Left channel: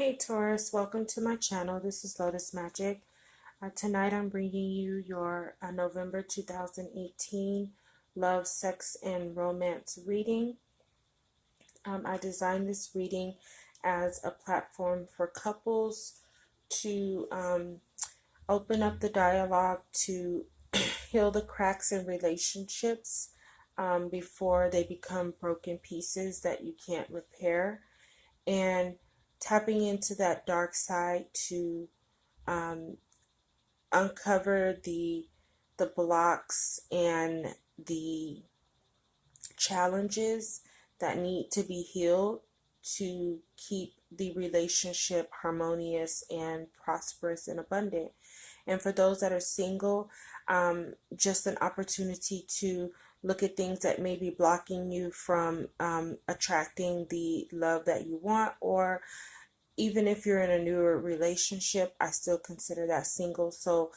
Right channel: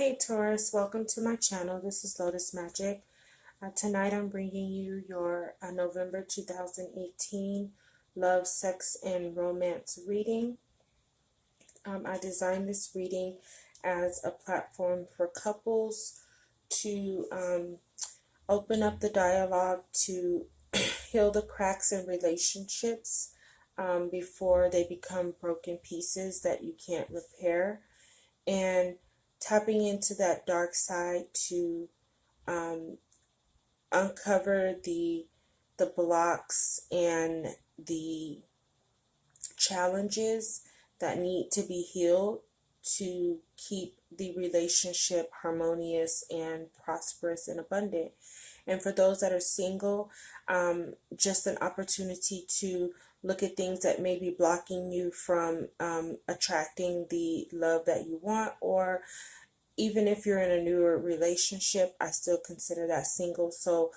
Hey Taurus, welcome to my channel. This is Lotus Magic. Tonight I'm bringing you your November 2018 Love, Sex, and Romance reading. I designed this reading as a platform for couples to open up the dialogue, to heal the cracks in relationships before they become broken pieces that you can't repair, and tapping into that dark side to uncover the blocks and the challenges that need to be healed to keep the relationship harmonious and prosperous and abundant. And for those that are single, just an opportunity to look at things that may be blocking you from attracting the love that you want. Or even if you're in a newer relationship, I still consider that single. So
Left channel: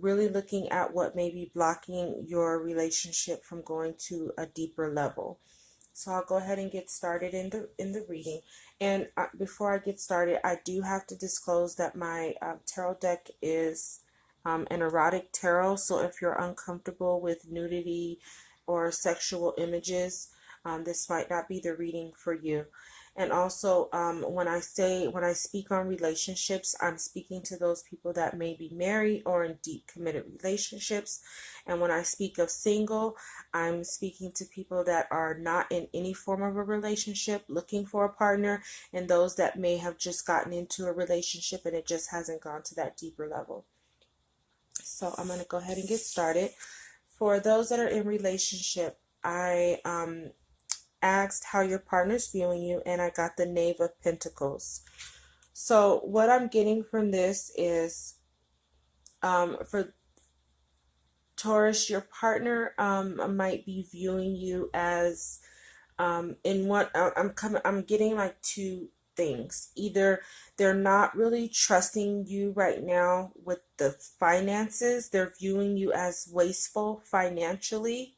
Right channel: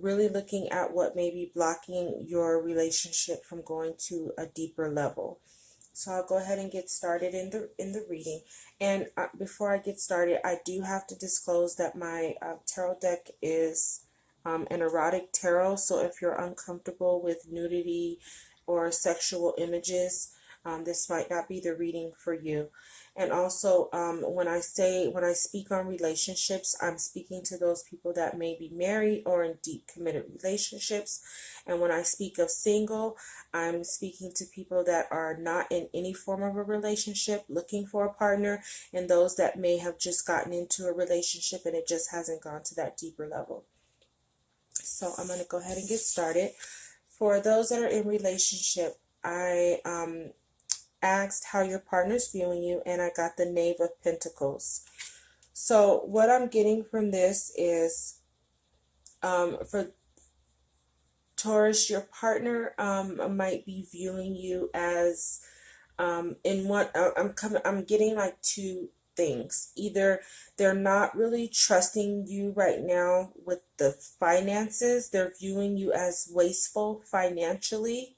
really looking at what may be blocking your relationship from going to a deeper level. So I'll go ahead and get started in the reading. And before I get started, I do have to disclose that my tarot deck is an erotic tarot. So if you're uncomfortable with nudity or sexual images, this might not be the reading for you. And also, when I speak on relationships, I'm speaking to those people that may be married or in deep committed relationships. And when I speak of single, I'm speaking to people that are not in any form of a relationship, looking for a partner, and those that may have just gotten into a relationship and it just hasn't gone to that deeper level. So I'm going to go ahead and get started. For those that are in relationship, I asked how your partner's viewing you, and I got the Knave of Pentacles. So what I'm getting from this is, for Taurus, your partner might be viewing you as in what I'm getting like two things. Either they're not really trusting you right now with the finances. They're viewing you as wasteful financially.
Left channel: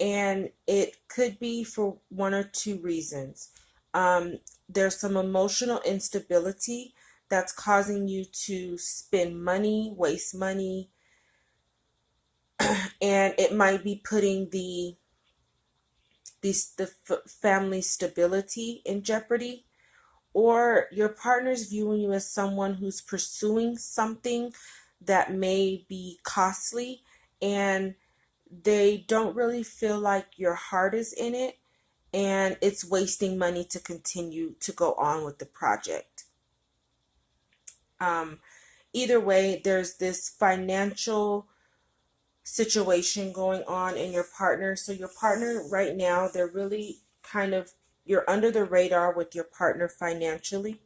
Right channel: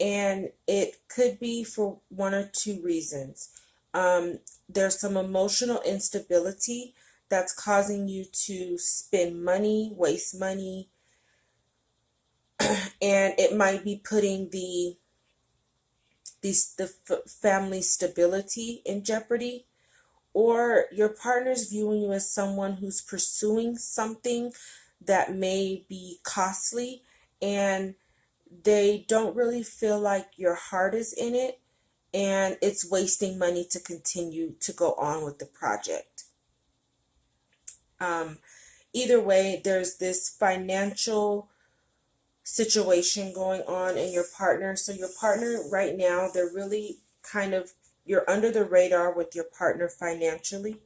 And it could be for one or two reasons. There's some emotional instability that's causing you to spend money, waste money, and it might be putting the family stability in jeopardy. Or your partner's viewing you as someone who's pursuing something that may be costly, and they don't really feel like your heart is in it, and it's wasting money to continue to go on with the project. Either way, there's this financial situation going on in your partner. So your partner right now, they're really you're under the radar with your partner financially.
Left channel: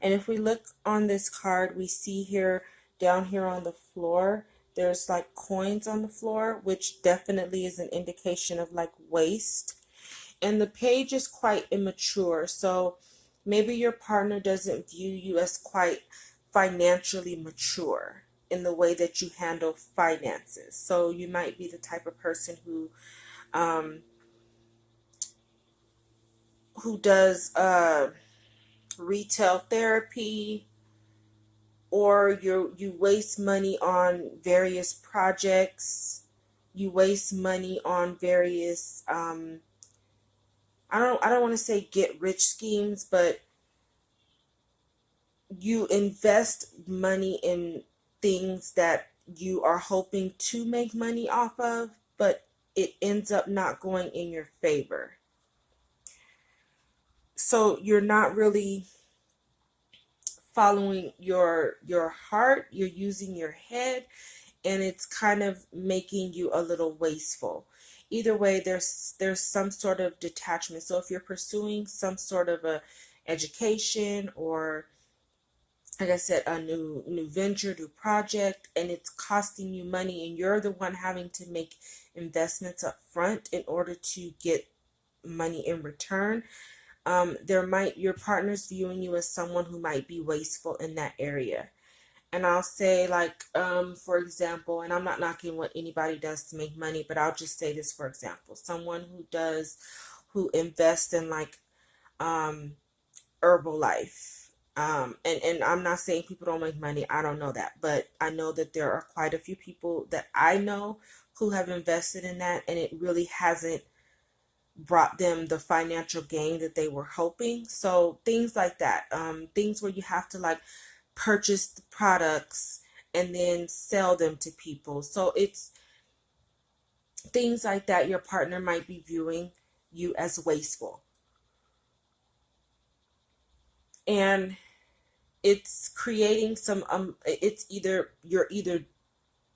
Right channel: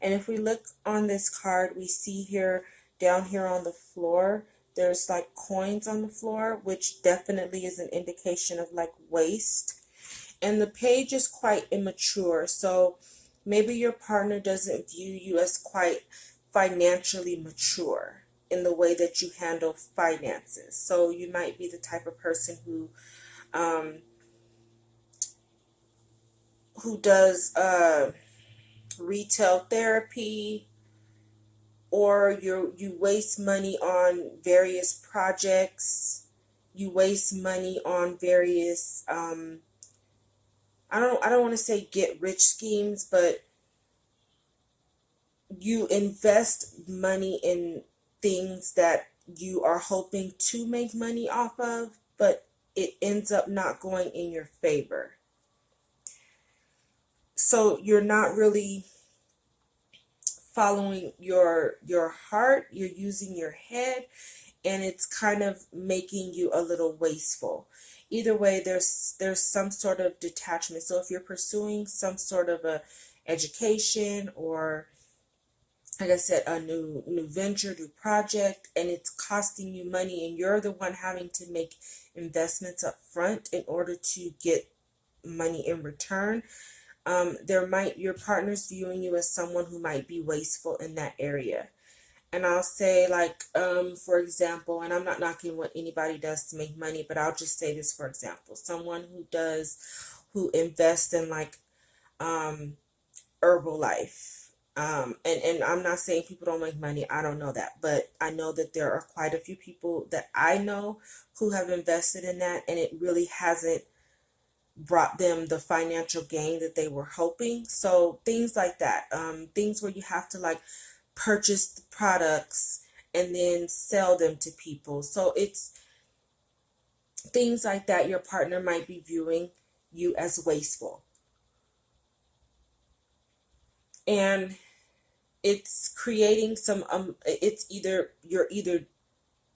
And if we look on this card, we see here, down here on the floor, there's like coins on the floor, which definitely is an indication of like waste. And the page is quite immature. So maybe your partner doesn't view you as quite financially mature in the way that you handle finances. So you might be the type of person who does retail therapy, or you waste money on various projects. You waste money on various I don't want to say get rich schemes, but you invest money in things that you are hoping to make money off of, but it ends up not going in your favor. So you're not really following your heart, you're using your head, and it's kind of making you a little wasteful. Either way, there's some sort of detachment. So if you're pursuing some sort of a education, or like I said, a new venture, new project, and it's costing you money, and you're the one having to make investments up front in order to get money in return, your partner's viewing you as someone who might be wasteful in that area. And I'll say, like, for example, and I'm not knocking what anybody does to make money, but I'll just say this, for example, someone who invests in like Herbalife, And I'm not saying people don't make money. I don't know that, but I know that there are quite a few people that I know who have invested in that, and it really hasn't brought them the financial gain that they were hoping. So things like that, things where you have to like purchase the products and then sell them to people. So it's things like that. Your partner might be viewing you as wasteful, and it's creating some it's either you're either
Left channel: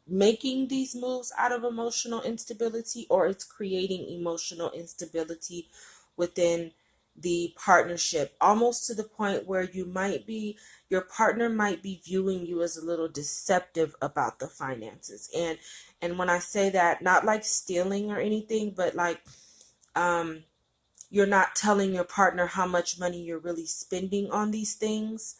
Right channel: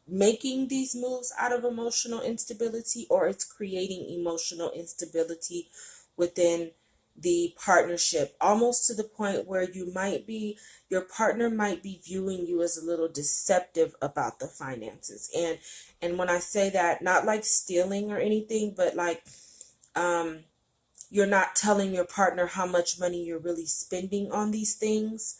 making these moves out of emotional instability, or it's creating emotional instability within the partnership, almost to the point where your partner might be viewing you as a little deceptive about the finances. And when I say that, not like stealing or anything, but like um you're not telling your partner how much money you're really spending on these things,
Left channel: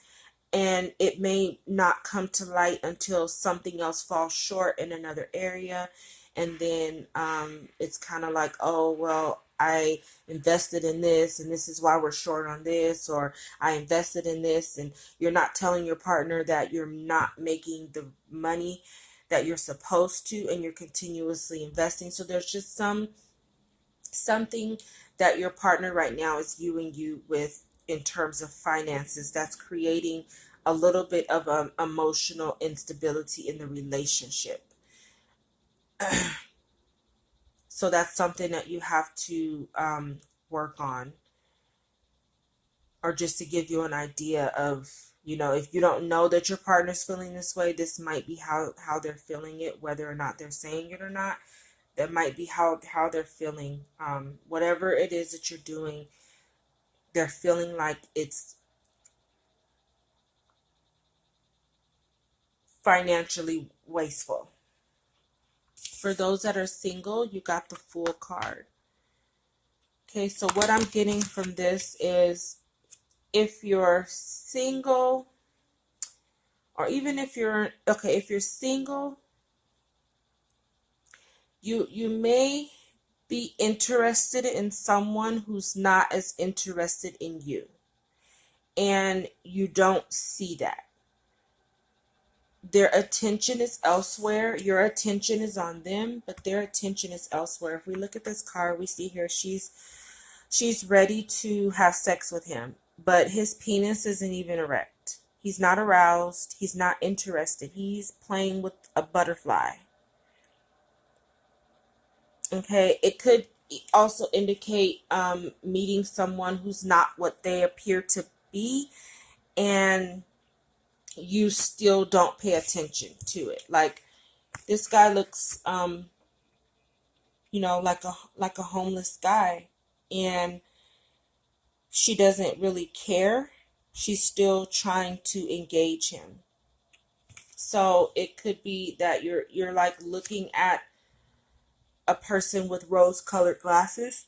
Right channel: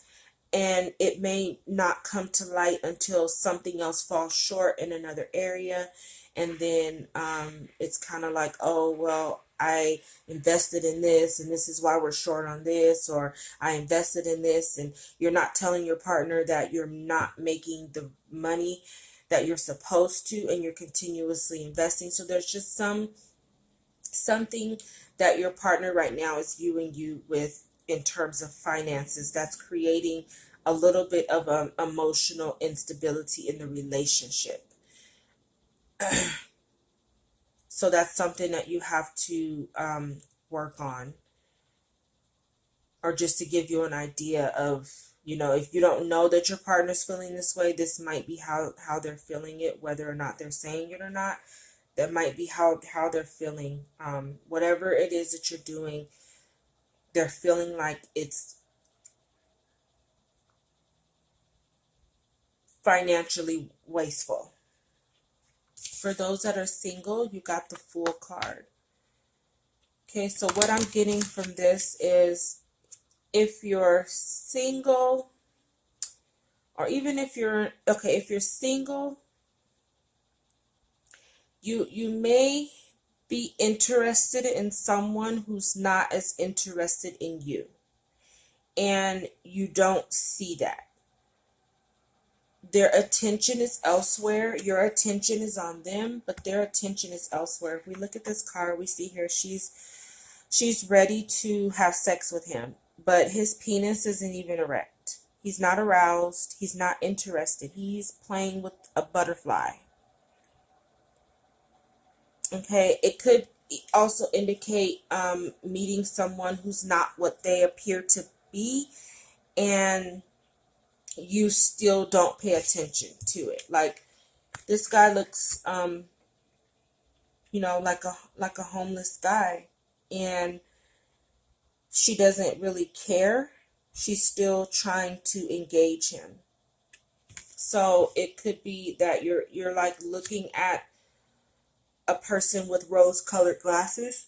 and it may not come to light until something else falls short in another area. And then it's kind of like, oh, well, I invested in this and this is why we're short on this, or I invested in this, and you're not telling your partner that you're not making the money that you're supposed to, and you're continuously investing. So there's just something that your partner right now is viewing you with in terms of finances that's creating a little bit of emotional instability in the relationship. So that's something that you have to work on, or just to give you an idea of, if you don't know that your partner's feeling this way, this might be how they're feeling it, whether or not they're saying it or not. That might be how they're feeling. Whatever it is that you're doing, they're feeling like it's financially wasteful. For those that are single, you got the Fool card. Okay, so what I'm getting from this is, if you're single, or even if you're single, you may be interested in someone who's not as interested in you, and you don't see that. Their attention is elsewhere. Your attention is on them, but their attention is elsewhere. If we look at this card, we see here she's ready to have sex with him, but his penis isn't even erect. He's not aroused. He's not interested. He's playing with a butterfly. Okay, it could also indicate meeting someone who's not what they appear to be, and you still don't pay attention to it. Like, this guy looks like a homeless guy, and she doesn't really care. She's still trying to engage him. So it could be that you're like looking at a person with rose-colored glasses.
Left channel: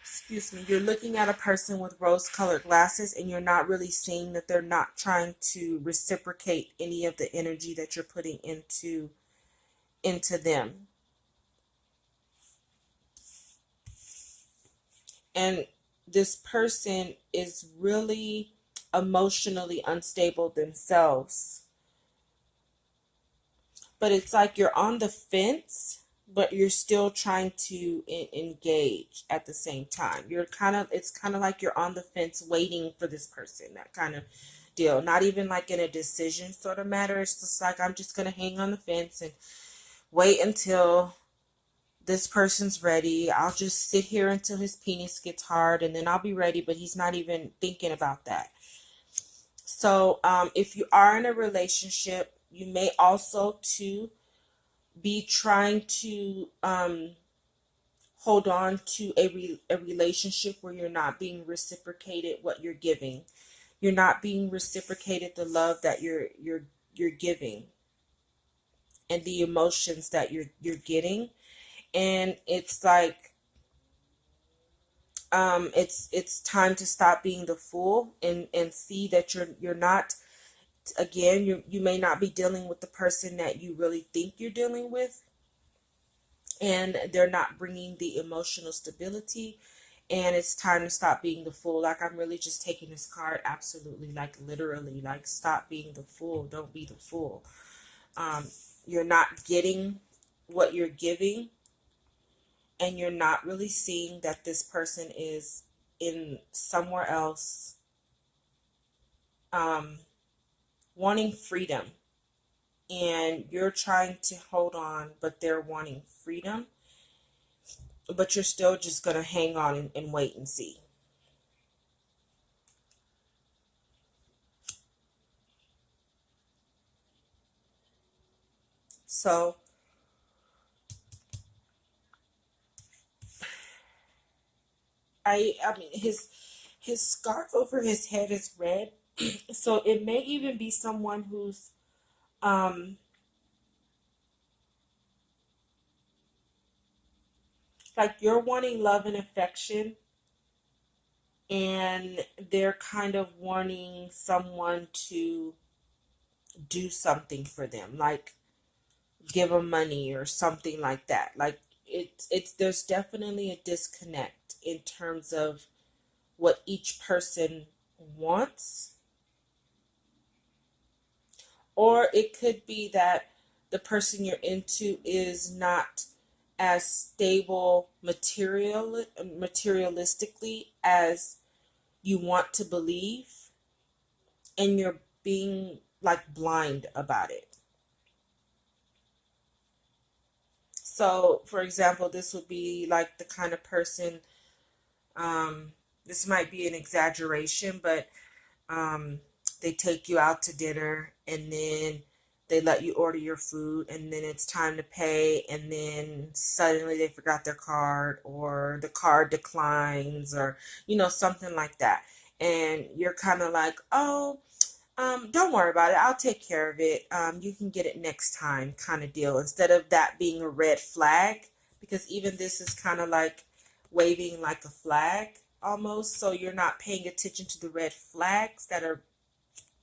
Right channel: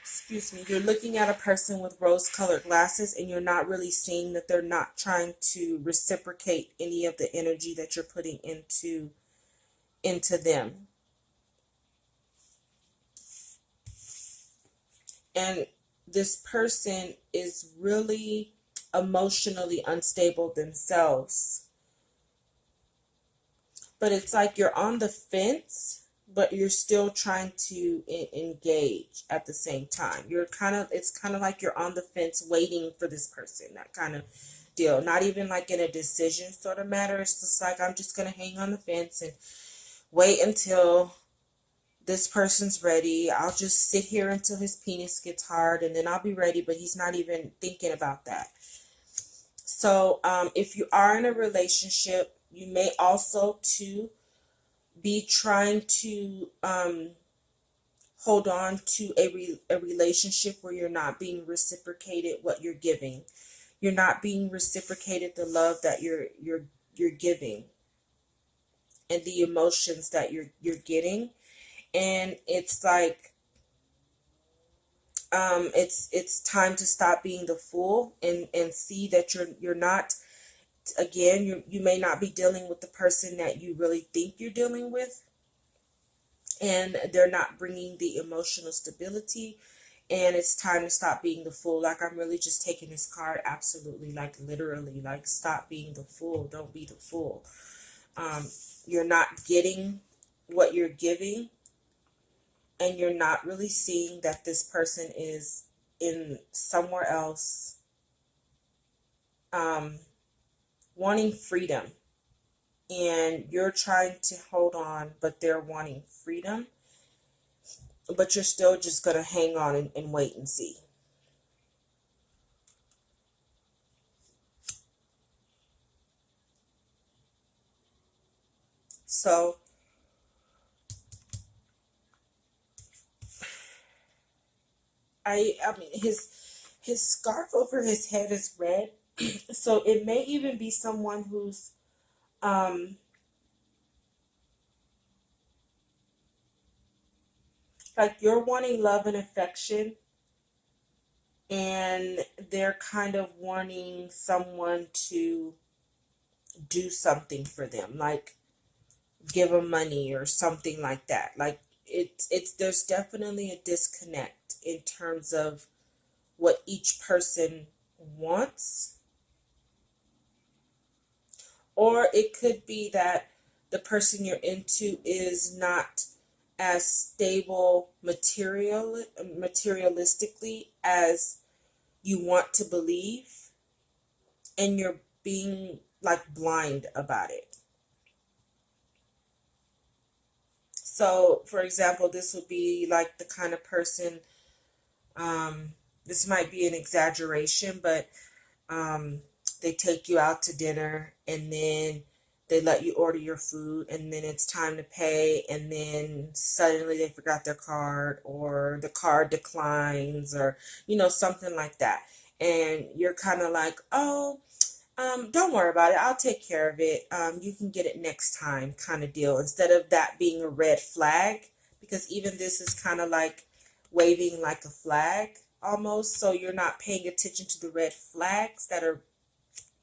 Excuse me. You're looking at a person with rose-colored glasses, and you're not really seeing that they're not trying to reciprocate any of the energy that you're putting into them. And this person is really emotionally unstable themselves. But it's like you're on the fence, but you're still trying to engage at the same time. It's kind of like you're on the fence waiting for this person, that kind of deal. Not even like in a decision sort of matter. It's just like, I'm just going to hang on the fence and wait until this person's ready. I'll just sit here until his penis gets hard, and then I'll be ready, but he's not even thinking about that. So if you are in a relationship, you may also too be trying to hold on to a relationship where you're not being reciprocated what you're giving. You're not being reciprocated the love that you're giving, and the emotions that you're getting. And it's like it's time to stop being the fool, and see that you're not. Again, you may not be dealing with the person that you really think you're dealing with, and they're not bringing the emotional stability, and it's time to stop being the fool. Like, I'm really just taking this card absolutely, like literally, like stop being the fool. Don't be the fool. You're not getting what you're giving, and you're not really seeing that this person is in somewhere else, wanting freedom, and you're trying to hold on, but they're wanting freedom, but you're still just going to hang on and wait and see. So I mean, his scarf over his head is red, so it may even be someone who's um like, you're wanting love and affection, and they're kind of wanting someone to do something for them, like give them money or something like that. Like, it's there's definitely a disconnect in terms of what each person wants. Or it could be that the person you're into is not as stable materialistically as you want to believe, and you're being like blind about it. So, for example, this would be like the kind of person, this might be an exaggeration, but they take you out to dinner, and then they let you order your food, and then it's time to pay, and then suddenly they forgot their card, or the card declines, or something like that. And you're kind of like, oh, don't worry about it, I'll take care of it, you can get it next time, kind of deal, instead of that being a red flag, because even this is kind of like waving like a flag almost. So you're not paying attention to the red flags that are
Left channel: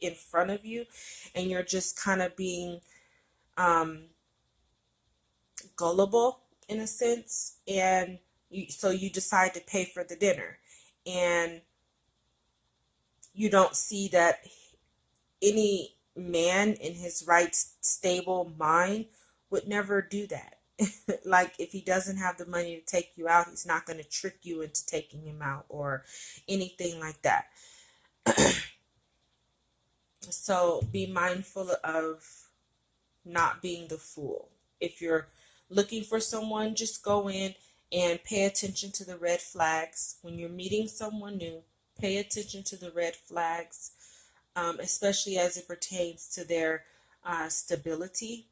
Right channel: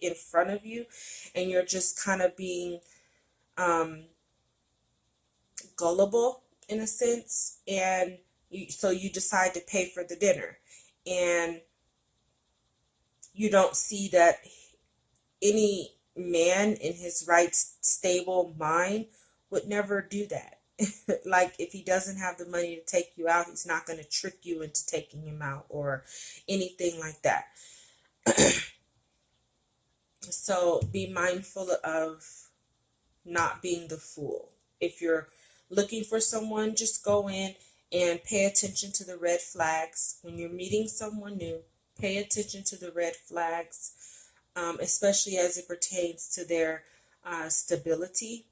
in front of you, and you're just kind of being gullible in a sense, and so you decide to pay for the dinner, and you don't see that any man in his right stable mind would never do that. Like, if he doesn't have the money to take you out, he's not going to trick you into taking him out or anything like that. So be mindful of not being the fool. If you're looking for someone, just go in and pay attention to the red flags. When you're meeting someone new, pay attention to the red flags, especially as it pertains to their stability.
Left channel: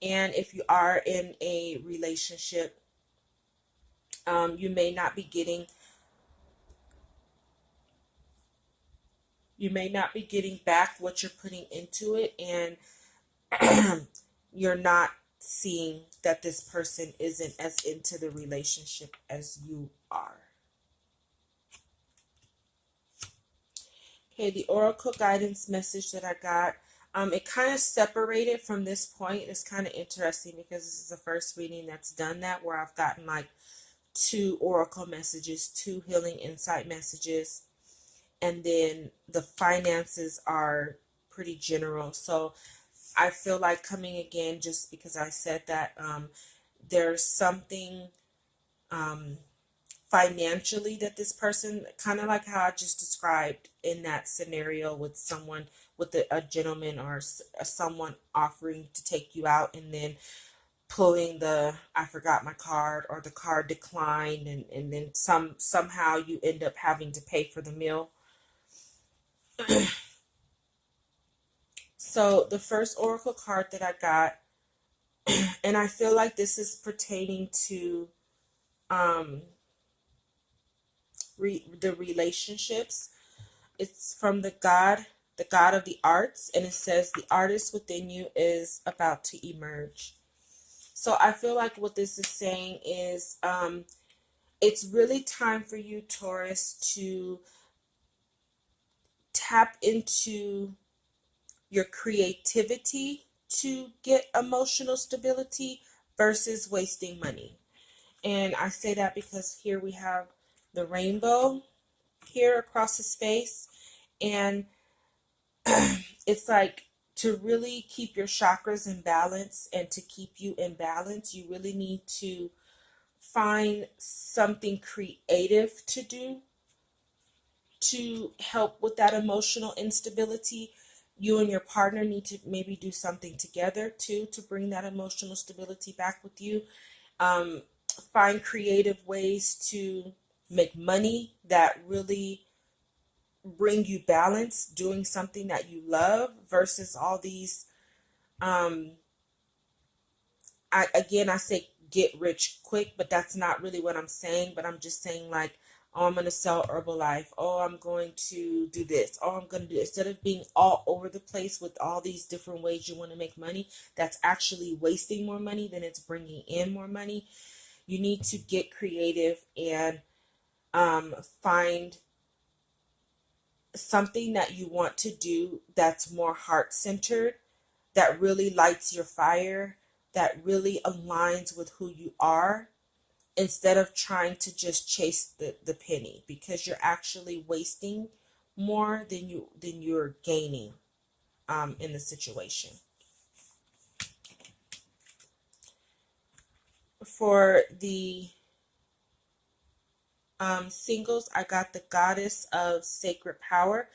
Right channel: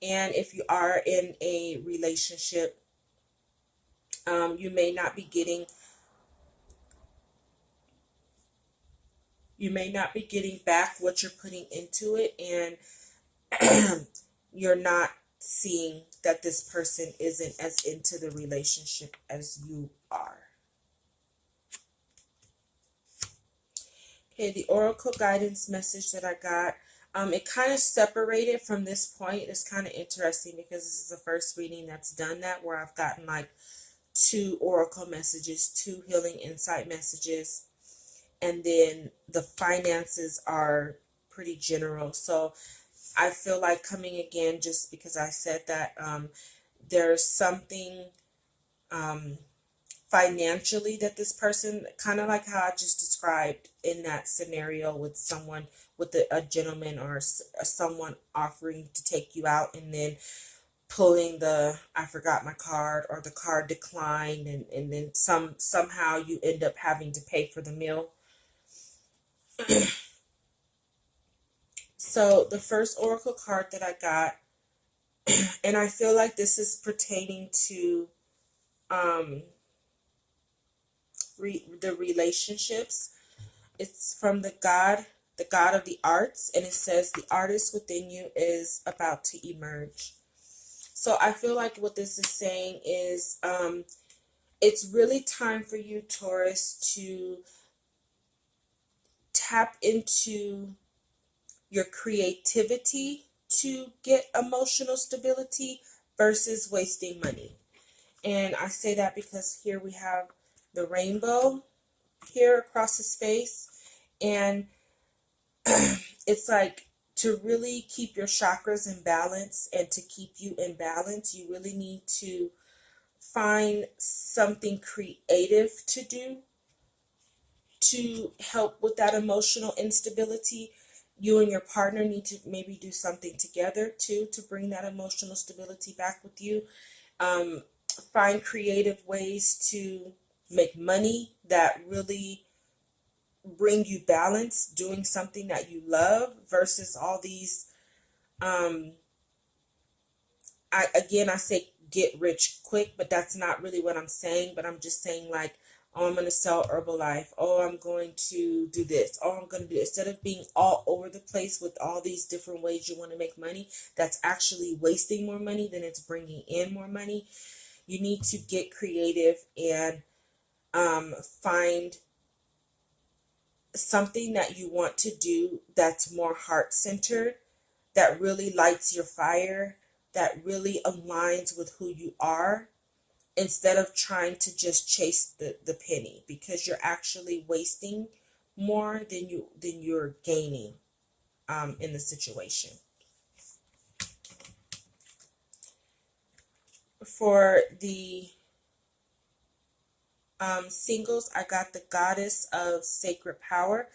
And if you are in a relationship, you may not be getting back what you're putting into it, and you're not seeing that this person isn't as into the relationship as you are. Okay, the oracle guidance message that I got, it kind of separated from this point. It's kind of interesting because this is the first reading that's done that, where I've gotten like 2 oracle messages, 2 healing insight messages, and then the finances are pretty general. So I feel like coming again, just because I said that, there's something financially that this person, kind of like how I just described in that scenario with someone, with a gentleman or someone offering to take you out, and then pulling the I forgot my card, or the card declined, and then somehow you end up having to pay for the meal. So the first oracle card that I got, and I feel like this is pertaining to the relationships. It's from the God of the arts, and it says the artist within you is about to emerge. So I feel like what this is saying is, it's really time for you, Taurus, to tap into your creativity to get emotional stability versus wasting money. And I say that because here we have the rainbow here across his face. And it's like, to really keep your chakras in balance and to keep you in balance, you really need to find something creative to do to help with that emotional instability. You and your partner need to maybe do something together too to bring that emotional stability back with you. Um, find creative ways to make money that really bring you balance, doing something that you love versus all these um I say get rich quick, but that's not really what I'm saying. But I'm just saying, like, oh, I'm going to sell Herbalife. Oh, I'm going to do this. Oh, I'm going to do, instead of being all over the place with all these different ways you want to make money, that's actually wasting more money than it's bringing in more money. You need to get creative and find something that you want to do that's more heart centered, that really lights your fire, that really aligns with who you are, instead of trying to just chase the penny, because you're actually wasting more than you're gaining in the situation. For the singles, I got the Goddess of Sacred Power.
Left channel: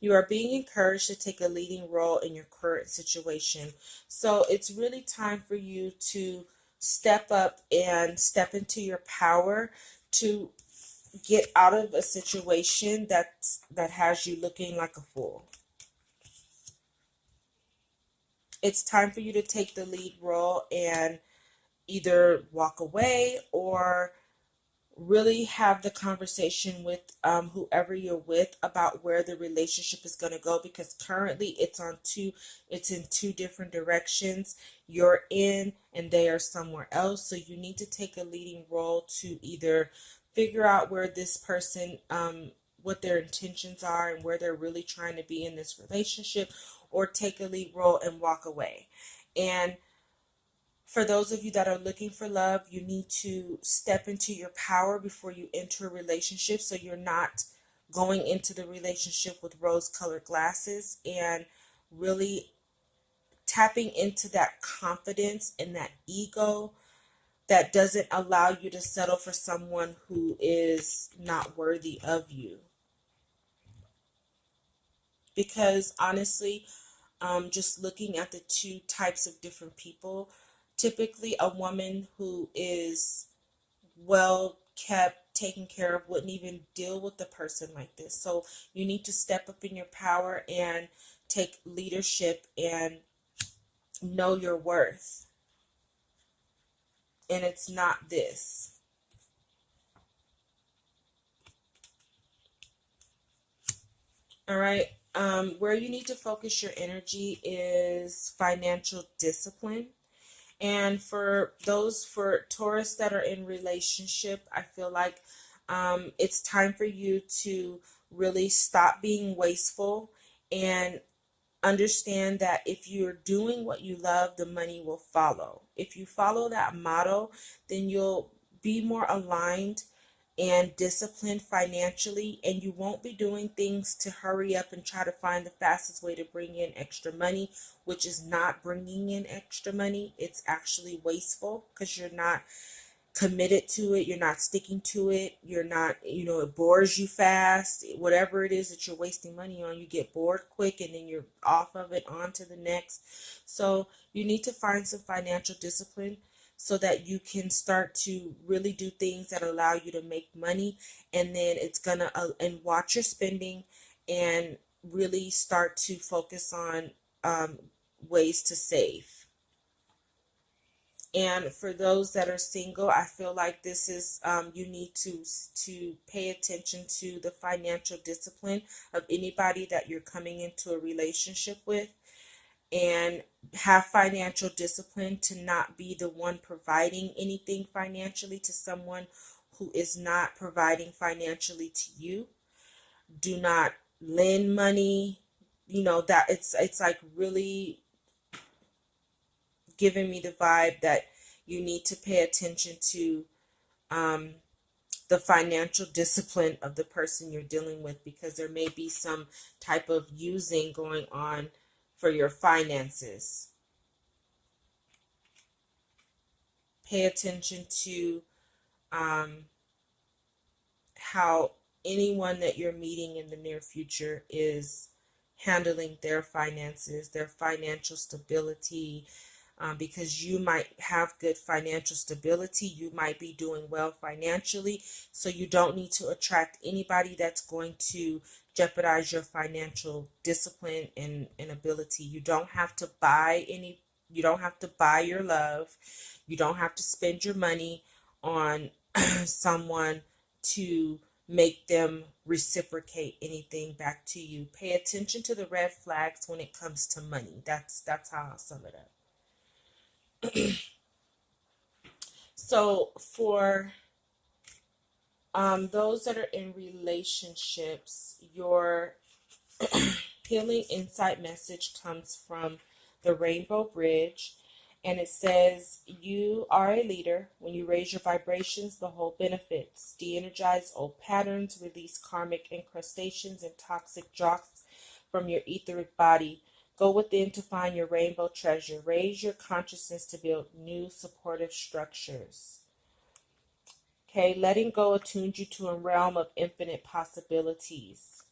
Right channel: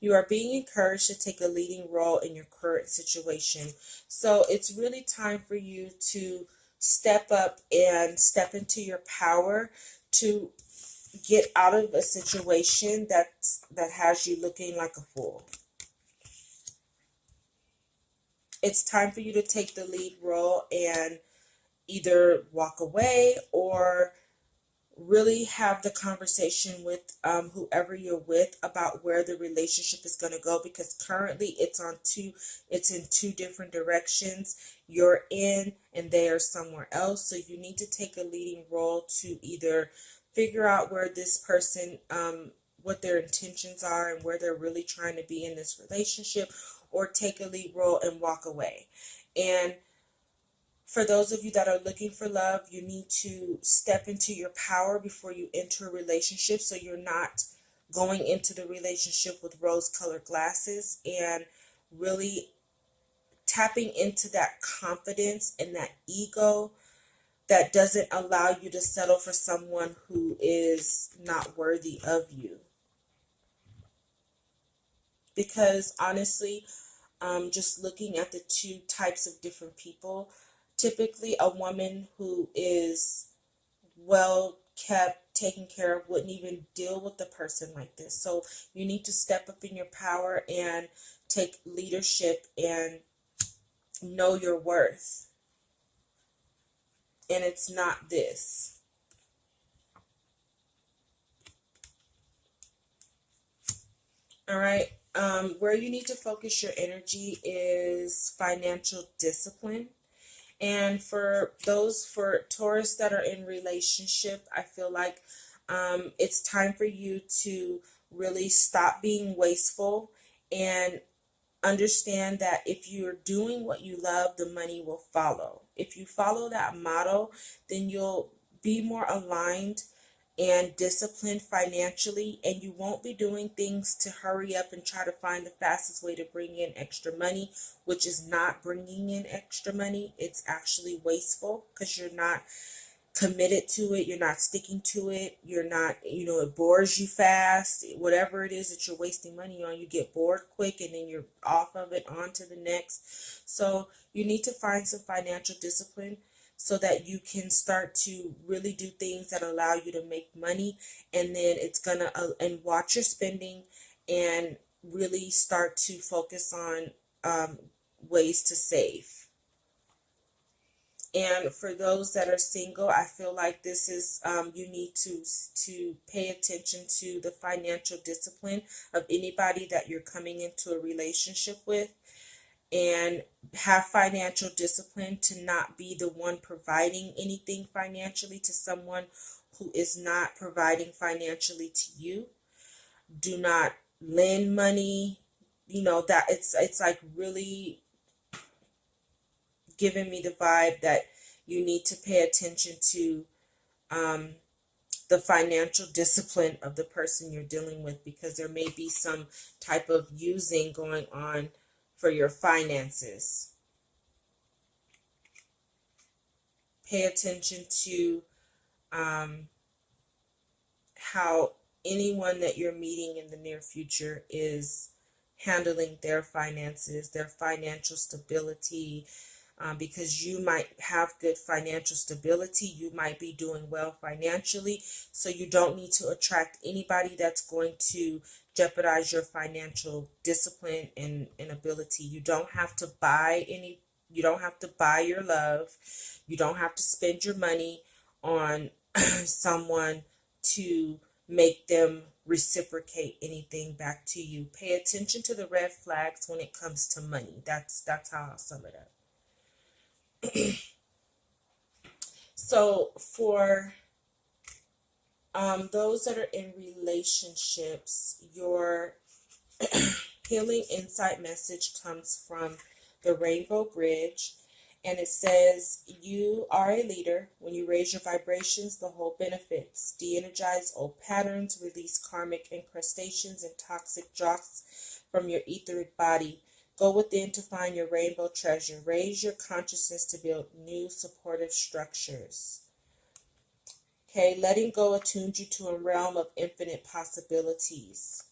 You are being encouraged to take a leading role in your current situation. So it's really time for you to step up and step into your power to get out of a situation that has you looking like a fool. It's time for you to take the lead role and either walk away or really have the conversation with whoever you're with about where the relationship is going to go, because currently it's in two different directions. You're in and they are somewhere else. So you need to take a leading role to either figure out where this person what their intentions are and where they're really trying to be in this relationship, or take a lead role and walk away. And for those of you that are looking for love, you need to step into your power before you enter a relationship, so you're not going into the relationship with rose-colored glasses, and really tapping into that confidence and that ego that doesn't allow you to settle for someone who is not worthy of you. Because honestly, just looking at the two types of different people, typically a woman who is well kept, taken care of, wouldn't even deal with a person like this. So you need to step up in your power and take leadership and know your worth. And it's not this. All right. Where you need to focus your energy is financial discipline. And for Taurus that are in relationship, I feel like it's time for you to really stop being wasteful and understand that if you're doing what you love, the money will follow. If you follow that motto, then you'll be more aligned and disciplined financially, and you won't be doing things to hurry up and try to find the fastest way to bring in extra money, which is not bringing in extra money. It's actually wasteful because you're not committed to it, you're not sticking to it, you're not, it bores you fast. Whatever it is that you're wasting money on, you get bored quick and then you're off of it, on to the next. So you need to find some financial discipline so that you can start to really do things that allow you to make money, and then it's gonna and watch your spending and really start to focus on ways to save. And for those that are single, I feel like this is you need to pay attention to the financial discipline of anybody that you're coming into a relationship with, and have financial discipline to not be the one providing anything financially to someone who is not providing financially to you. Do not lend money. That it's like really giving me the vibe that you need to pay attention to the financial discipline of the person you're dealing with, because there may be some type of using going on for your finances. Pay attention to how anyone that you're meeting in the near future is handling their finances, their financial stability, because you might have good financial stability. You might be doing well financially, so you don't need to attract anybody that's going to jeopardize your financial discipline and ability. You don't have to buy your love. You don't have to spend your money on someone to make them reciprocate anything back to you. Pay attention to the red flags when it comes to money. That's how I'll sum it up. So for those that are in relationships, your healing insight message comes from the Rainbow Bridge, and it says, you are a leader. When you raise your vibrations, the whole benefits. De-energize old patterns, release karmic incrustations and toxic drops from your etheric body. Go within to find your rainbow treasure. Raise your consciousness to build new supportive structures. Okay, letting go attunes you to a realm of infinite possibilities.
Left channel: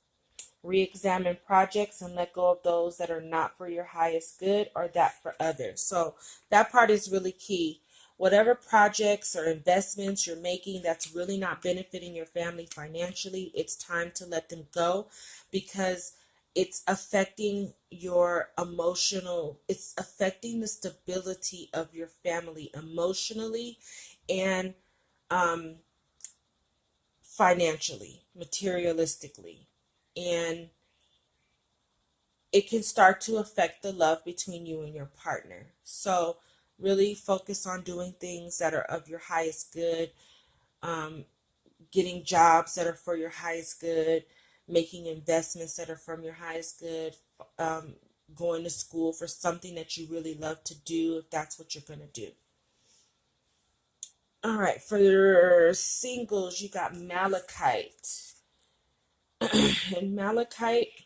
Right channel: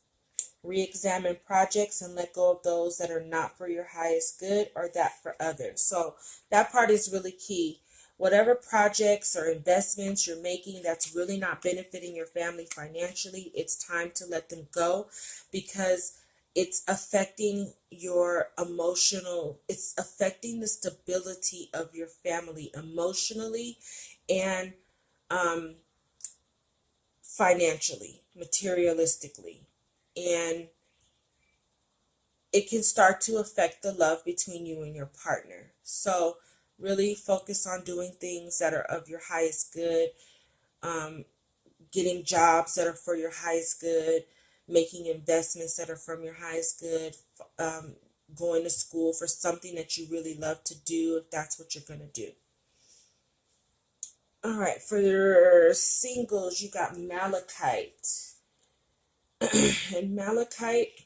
Re-examine projects and let go of those that are not for your highest good or that for others. So that part is really key. Whatever projects or investments you're making that's really not benefiting your family financially, it's time to let them go, because it's affecting your it's affecting the stability of your family emotionally and financially, materialistically. And it can start to affect the love between you and your partner. So really focus on doing things that are of your highest good, getting jobs that are for your highest good, making investments that are from your highest good, going to school for something that you really love to do, if that's what you're going to do. All right, for your singles, you got Malachite. And Malachite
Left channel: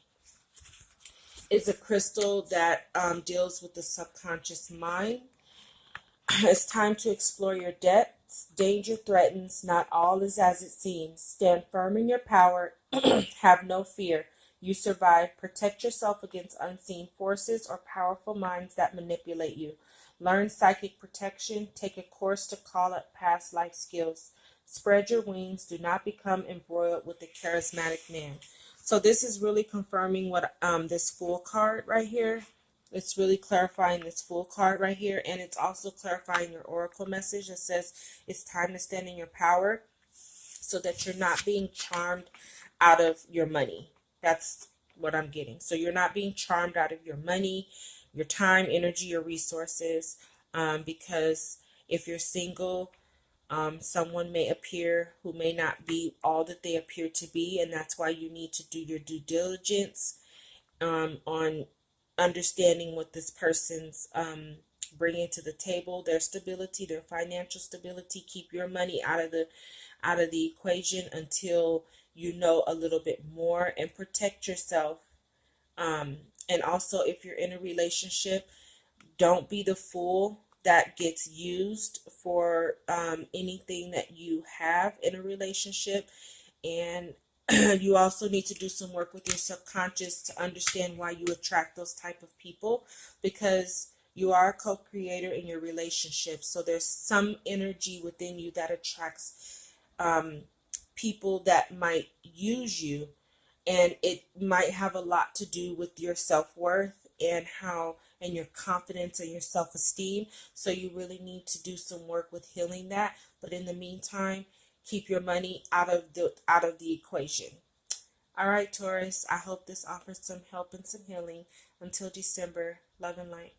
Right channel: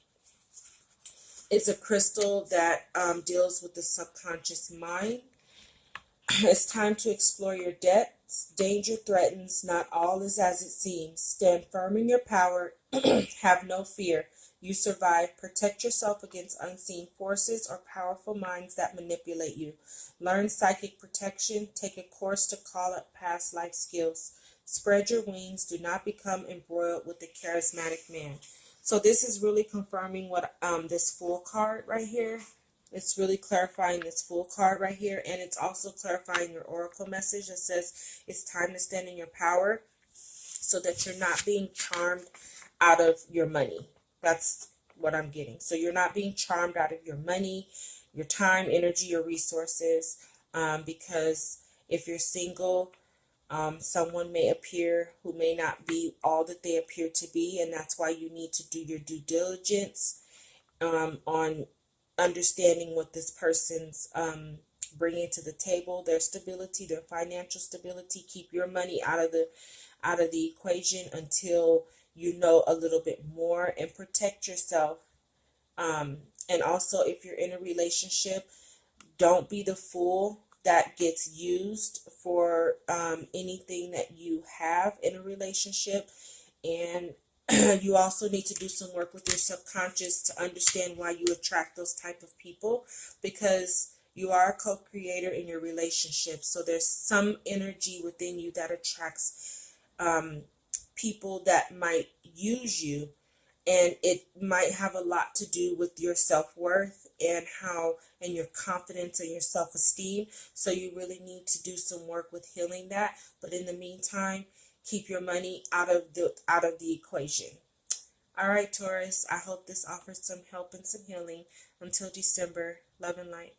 is a crystal that deals with the subconscious mind. It's time to explore your depths. Danger threatens. Not all is as it seems. Stand firm in your power. Have no fear. You survive. Protect yourself against unseen forces or powerful minds that manipulate you. Learn psychic protection. Take a course to call up past life skills. Spread your wings. Do not become embroiled with the charismatic man. So this is really confirming what this Fool card right here. It's really clarifying this Fool card right here. And it's also clarifying your oracle message that says it's time to stand in your power so that you're not being charmed out of your money. That's what I'm getting. So you're not being charmed out of your money, your time, energy, your resources. Because if you're single, someone may appear who may not be all that they appear to be, and that's why you need to do your due diligence on understanding what this person's bringing to the table, their stability, their financial stability. Keep your money out of the equation until you know a little bit more, and protect yourself. And also, if you're in a relationship, don't be the fool that gets used for anything that you have in a relationship. And you also need to do some work with your subconscious to understand why you attract those type of people, because you are a co-creator in your relationship. So there's some energy within you that attracts people that might use you, and it might have a lot to do with your self-worth and your confidence and your self-esteem. So you really need to do some work with healing that. But in the meantime, keep your money out of the equation. All right, Taurus, I hope this offers some help and some healing. Until December, love and light.